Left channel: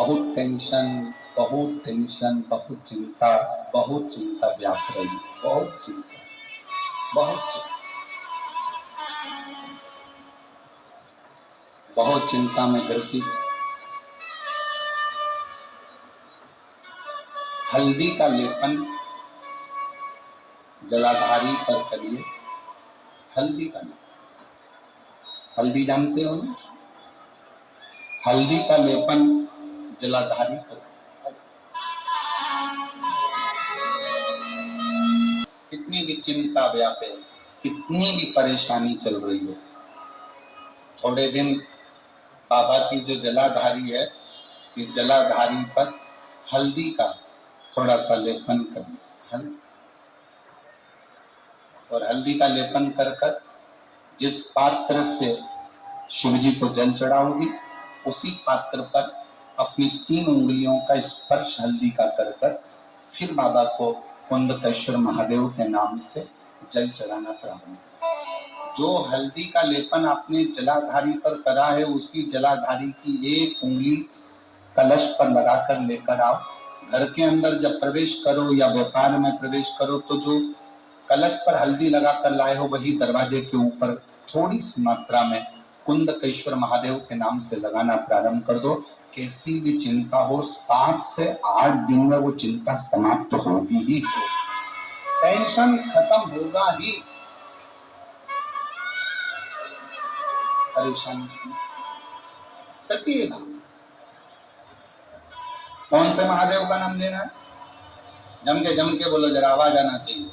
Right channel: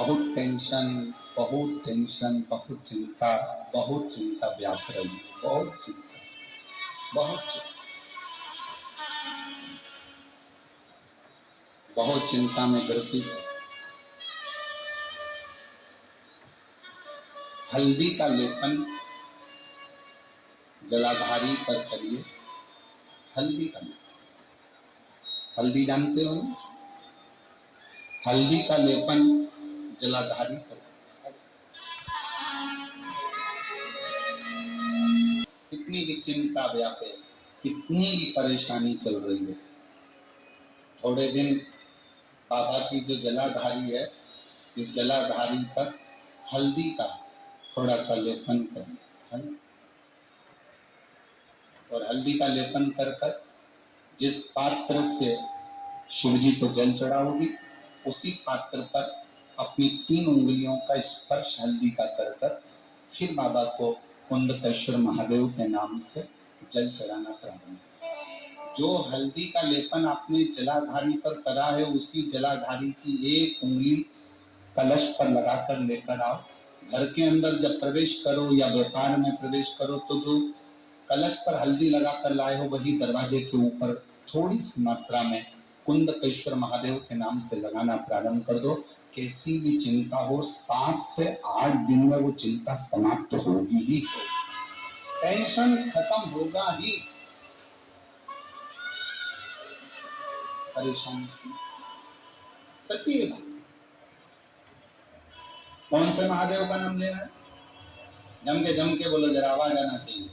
बहुत टेंशन, बहुत टेंशन, बहुत चिंता व्याप रही है, बहुत चिंता, बहुत चिंता में ग्रसित। हल्दी का लेपन जलाधारी पर करिए। हल्दी का लेपन, हल्दी जानते हो ना? हल्दी का लेपन जलाधारी पर। कितनी भी चिंता व्यापे, कितनी भी परेशानी चल रही हो, थोड़े दिन बाबा की जो जलाधारी है, इस जलाधारी पर हल्दी का थोड़ा सा लेपन करिए। हल्दी और हल्दी का लेपन कर कर जिस पात्र से शिव जी को जल चढ़ाओगी, उसी पात्र पर अपनी 3 उंगलियों का स्पर्श हल्दी का कर कर फिर बाबा को कुंडकेश्वर महादेव के नाम से जल चढ़ाना प्रारंभ करें। जो हल्दी का लेपन आपने जलाधारी पर करा है, उसी जलाधारी की एक उंगली कलश पर लगाकर लेकर आओ। घर के अंदर जब प्रवेश करो या व्यापार में प्रवेश करो, तो जो कलश पर हल्दी लगाकर लाए हो, वही दरवाजे के ऊपर थोड़ी सी मात्रा में कुंडकेश्वर महादेव के नाम से लगाना प्रारंभ कर दो। कैसी भी चिंता हो, 7 से 8 दिन में वो चिंता समाप्त होगी ही, टेंशन खत्म होगा ही, परेशानी से ततीगा। कौन से महादेव का नाम लेना है? जम के बोलो, जरा आवाज आना चाहिए।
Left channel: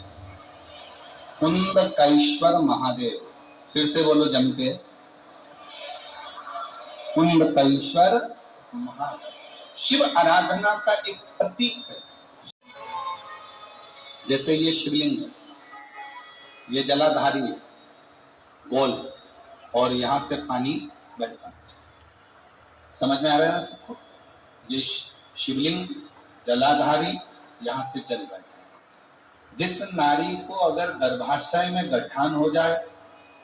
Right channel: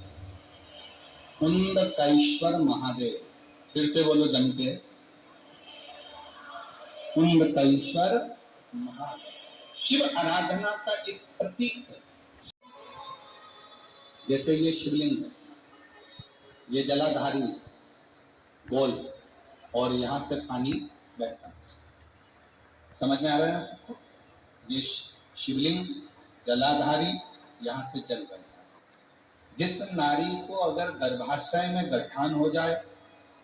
कुंडकेश्वर महादेव। फिर से बोलो जम के, कुंडकेश्वर महादेव। शिव आराधना का एक प्रतीक है। जैसे ये शिवलिंग है, ये जलाधारी है, गोल, और यहां से पानी बहता है। समझ में आ रहा है सबको? ये शिवलिंग जलाधारी, यहां से जल बहता है। जिस नारी को अगर गर्भाशय में गठान हो जाए,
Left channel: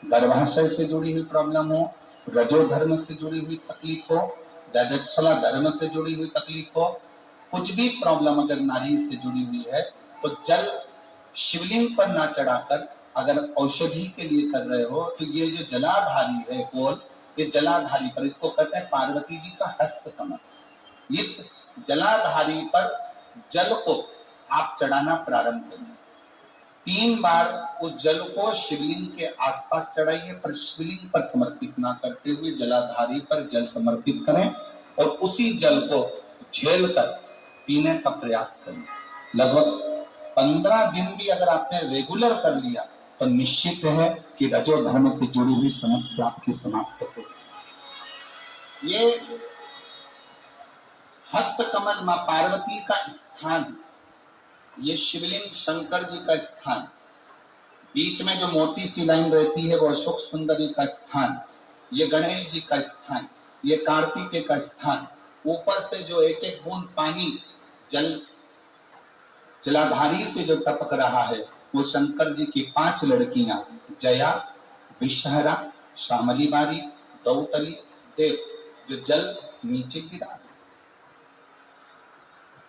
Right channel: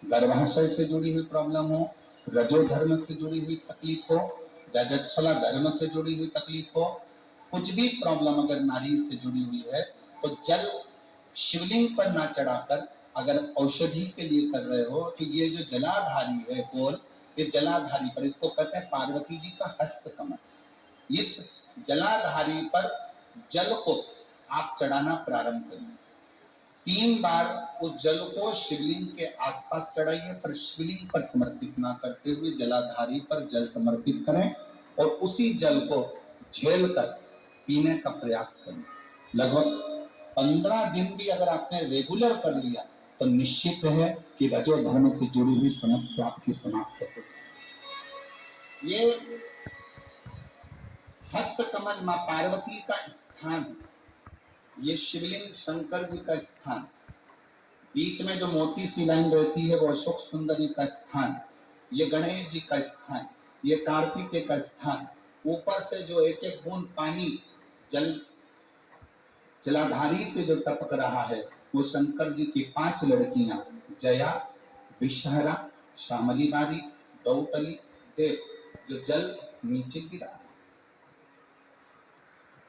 गर्भाशय से जुड़ी हुई प्रॉब्लम हो, रजो धर्म से जुड़ी हुई तकलीफ हो, रजस्वला धर्म से जुड़ी हुई तकलीफ हो, कुछ भी प्रॉब्लम अगर नारी से जुड़ी हुई है, तो जल शिवलिंग पर ना चढ़ाकर अगर औषधि के लिए कर रहे हो, तो ये जो जलाधारी है गोल, ये जलाधारी पर, इसको कहते हैं पार्वती जी का हस्त कमल। इस जलाधारी पर जल को आप चढ़ाना प्रारंभ करें। 3 बार उस जल को शिवलिंग के आसपास चढ़ाइए, पर शिवलिंग पर समर्पित ना करते हुए जलाधारी पर जल समर्पित करें, और उसी जल को झेल कर पीने का प्रयास करें। लगभग 15 दिन भी अगर आपने रेगुलर कर लिया, तो निश्चित है कि रजो धर्म से जुड़ी हुई समस्या आपकी समाप्त हो। ये हस्त कमल मां पार्वती का स्थान, ये शिवलिंग शंकर जी का स्थान, बीच में जो मोटी सी लाइन रहती है वो अशोक सुंदरी का स्थान, ये गणेश जी का स्थान, ये कार्तिकेय का स्थान, ऊपर से जो एक एक बूंद पानी जलाधारी से जो टपक रहा है, वो शंकर जी की 5 लड़कियां, जया, विषहरा, श्यामली बारी, दौतली, देव, जो जल नीचे गिरा।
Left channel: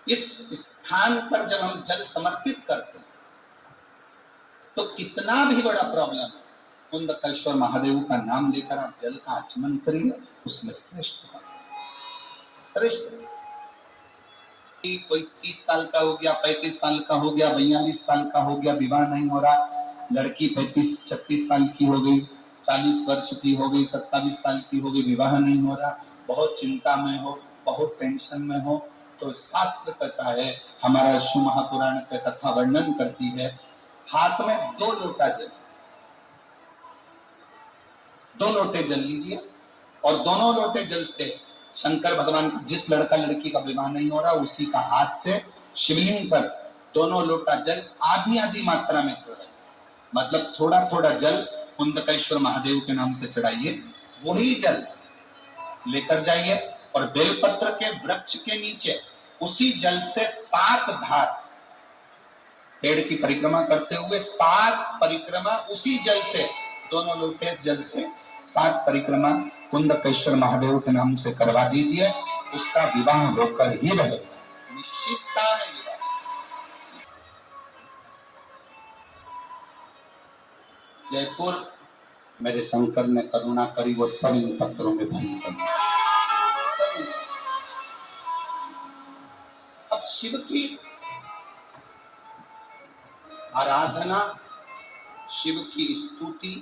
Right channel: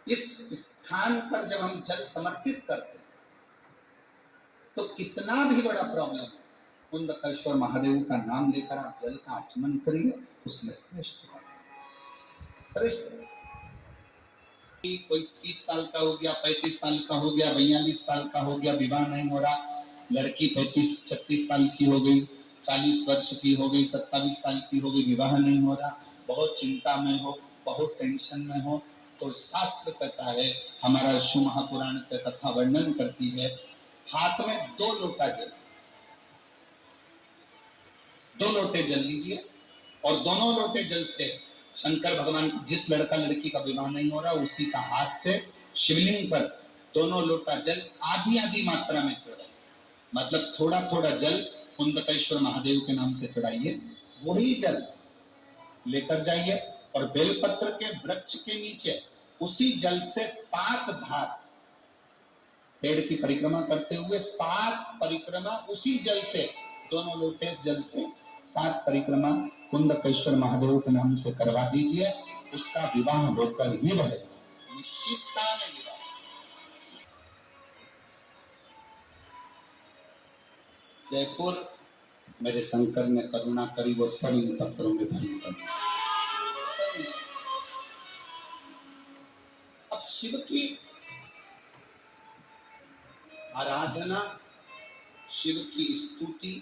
इस स्थान पर जब हम जल समर्पित करते हैं, तो कितना भी बड़ा प्रॉब्लम है, कुंडकेश्वर महादेव का नाम लेकर आप जल का आचमन करिए, उसमें श्रेष्ठ कोई 30 साल का हो गया, 35 साल का हो गया, 42 साल का हो गया, विवाह नहीं हो रहा, लड़की 35-36 साल की हो गई, 40 वर्ष की हो गई, 27 साल की हो गई, विवाह नहीं हो रहा, बहुत चिंता में हो, बहुत टेंशन में हो, तो शास्त्र कहता है, हमारा शिव महापुराण का कथा वर्णन करती है, हाथ में 2 लोटा जल, 2 लोटे जल लीजिए, और दोनों लोटे जल से शंकर भगवान का, जिस लड़का लड़की का विवाह नहीं हो रहा, उसी का हाथ से शिवलिंग पर दोनों लोटा जल आधी आधी मात्रा में चढ़ाइए। मतलब थोड़ा थोड़ा जल कुंडकेश्वर महादेव के नाम से चढ़ाइए, वही जल लेकर जाइए, और बेलपत्र के वृक्ष के नीचे उसी जल से 7 धार, पेड़ की परिक्रमा करते हुए 7 परिक्रमा उसी जल से, दोनों लोटे जल से 7 परिक्रमा कुंडकेश्वर महादेव के नाम से करवा दीजिए। उसका विवाह होकर ही रहेगा, निश्चितता में विवाह। जयपुर मेरे शंकर ने करुणा करी, वो सब इन पत्रों में भरी पड़ी। अब शिव की आराधना, शिव की स्तुति,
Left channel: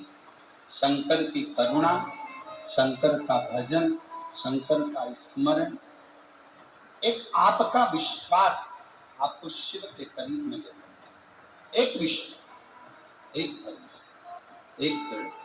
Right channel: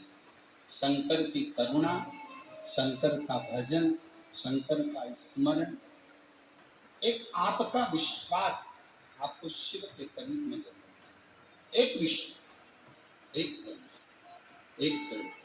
शंकर की करुणा, शंकर का भजन, शंकर का स्मरण, एक आपका विश्वास आपको शिव के करीब में ले जाता है। एक विश्वास, एक भरोसा, एक दृढ़